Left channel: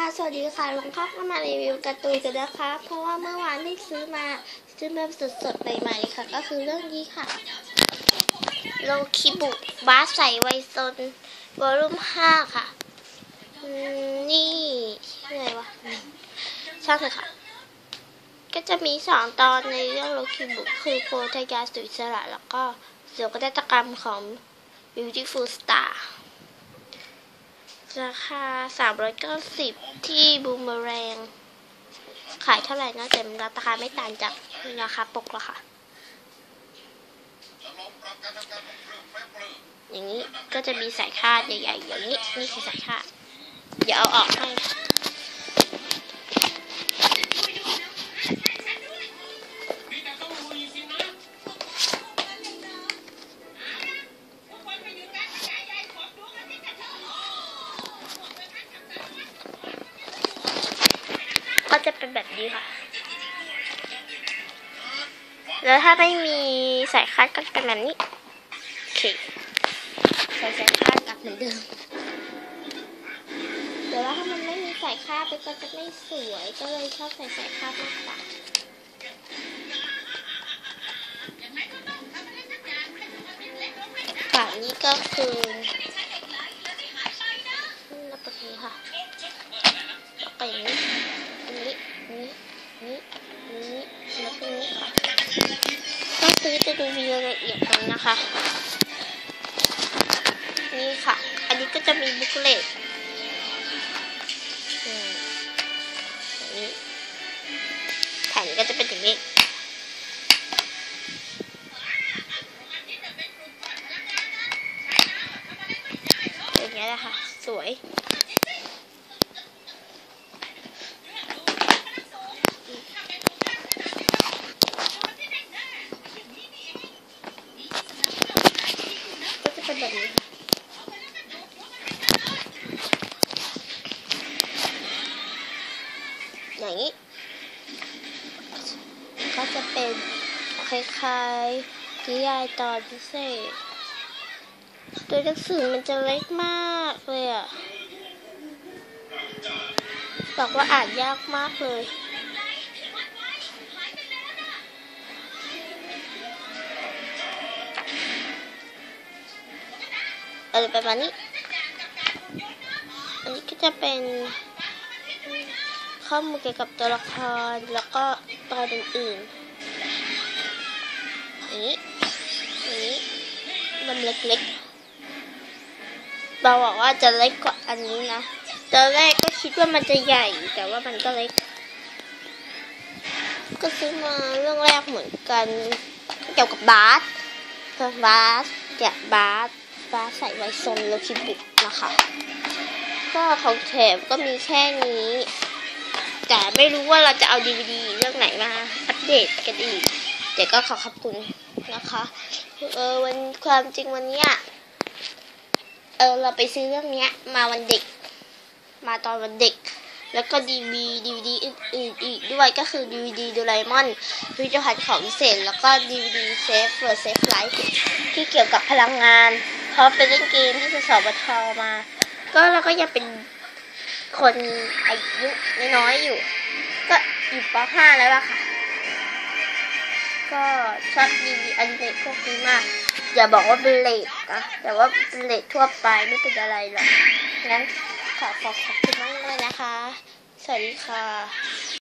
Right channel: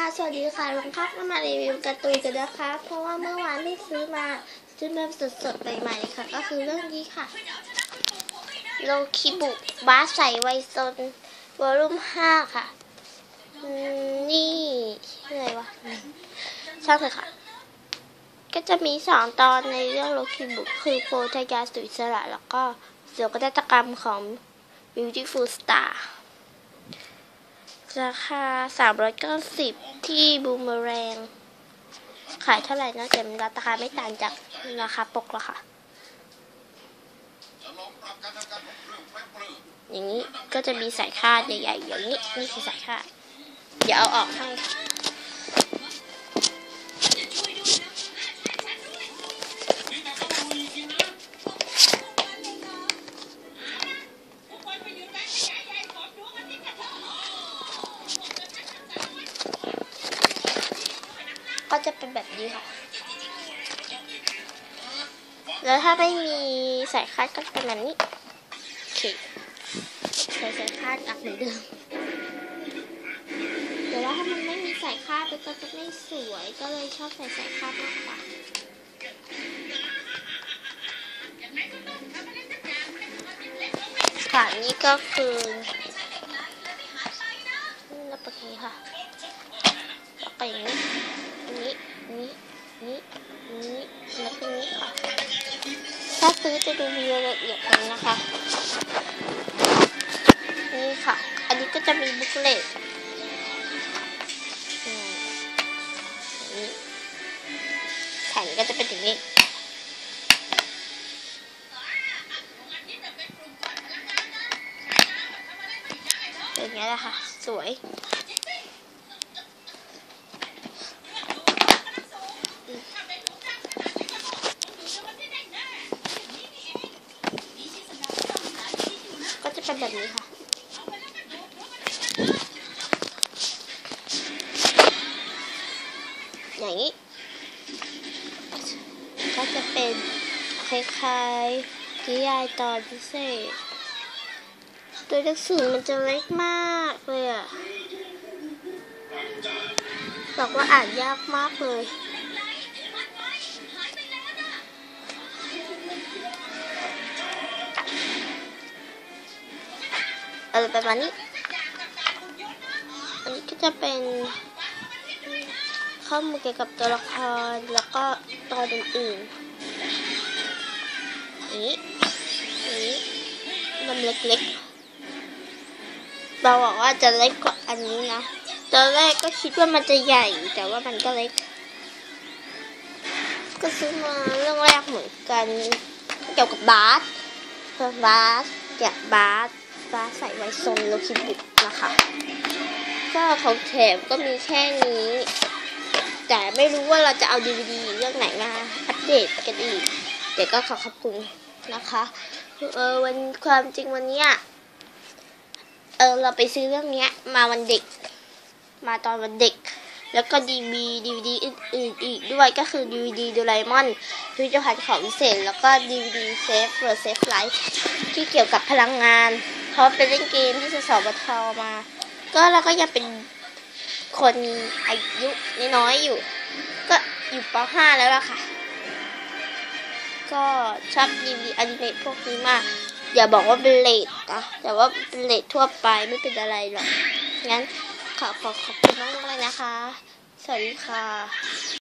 ค่ะสวัสดีค่ะลงครับก็มารีวิวการ์ตูนกันนะคะ เพราะว่าเมื่อวานที่ซื้อมาซื้อแบบสดๆใหม่ๆค่ะ ก็คือเรื่องนี้ค่ะโลคิบุบ้าใส่ไวซนวอลุ่มห้าค่ะนี่ชื่ออะไรวะช่างเถอะค่ะ ก็จะมีสองตอนในเรื่องโลคิบุคือโพธยาสุอิสระ แล้วก็เสือกนาฏกรรมของ Beautiful Star ราคาสามร้อยเก้าสิบที่บูมเมอแรง ขายเท่าไหร่นะแต่ราคาไม่ต่างจากราคาปกหรอกค่ะ อย่างนี้ก็จะมีสายคาดใหญ่ๆอย่างนี้นี่คือสายคาด เดี๋ยวเอาออกให้ ก็จะเป็นแบบนี้ค่ะ แล้วถ้าไม่มีสายคาดก็จะเป็นแบบนี้ โอเค ใส่สายคาดกลับเหมือนเดิมแต่ว่าถ้ามันไม่มีสายคาดมันก็จะไม่สวย ก็เลยชอบใส่สายคาดมากกว่าค่ะนี่ก็คือนี่นะโอเคค่ะแล้วก็อย่างนี้ จะดูมีรายละเอียดกันนะคะ นี่ค่ะ อันนี้ก็จะมีบุ๊กเลตอืมอย่างนี้แผ่นก็จะเป็นอย่างนี้อย่างเงี้ยแหละค่ะ สวย ก็จะเป็น แบบนี้ค่ะอย่างนี้ ก็จะเป็นคล้ายๆนิยายตอนพิเศษ ตัวหนังสือมันจะเล็กมากเลยอะบอกว่าอ่านยากมากเลย อะไรประมาณนี้ อันนี้ก็จะเป็นข้อมูลเกี่ยวกับตัวละครแล้วก็ตอนอื่นๆอย่างนี้อย่นี้มันเล็กๆเราบอกว่าจะเล็กกว่าอันนี้นะตอนแรกก็คิดว่ามันจะใหญ่ แต่ว่ามันก็เล็ก ก็ซื้อมาเรื่องแรกเหมือนกันเกี่ยวกับบาสบาสแกะบาส บาใสไว้ทรงโลคิบุกนะคะ ก็ของแถมก็มีแค่นี้ แต่ไม่รู้ว่าเราจะเอาดีวดีเรื่องไหนมาอัปเดตกันอีก เดี๋ยวก็ขอขอบคุณนะคะ เออวันความจริงวันเนี้ยเออเราไปซื้อเรื่องเนี้ย มาวันเด็ก มาตอนวันเด็ก แล้วก็ดีวีดีวดีอื่นๆอีกด้วยก็คือดีวดีโดราเอมอนพิพิธภัณฑ์ของพิเศษ แล้วก็ดีวดีเซฟเฟอร์เซฟไลฟ์ที่เกี่ยวกับพลังงาน เพราะเป็นเล่นเกมที่สสบทมา ก็เราก็ยังเป็นคนอายุน้อยอยู่ ก็อยู่ป .5 แล้วล่ะค่ะ ก็ชอบดีวีอนิเมะพวกนี้มาก อย่าบอกว่าเป็นเลดนะแต่ว่าเป็นเลดทั่วไปไม่เป็นอะไรหรอกงั้นขอขอบคุณมากเลยนะคะ สวัสดีค่ะ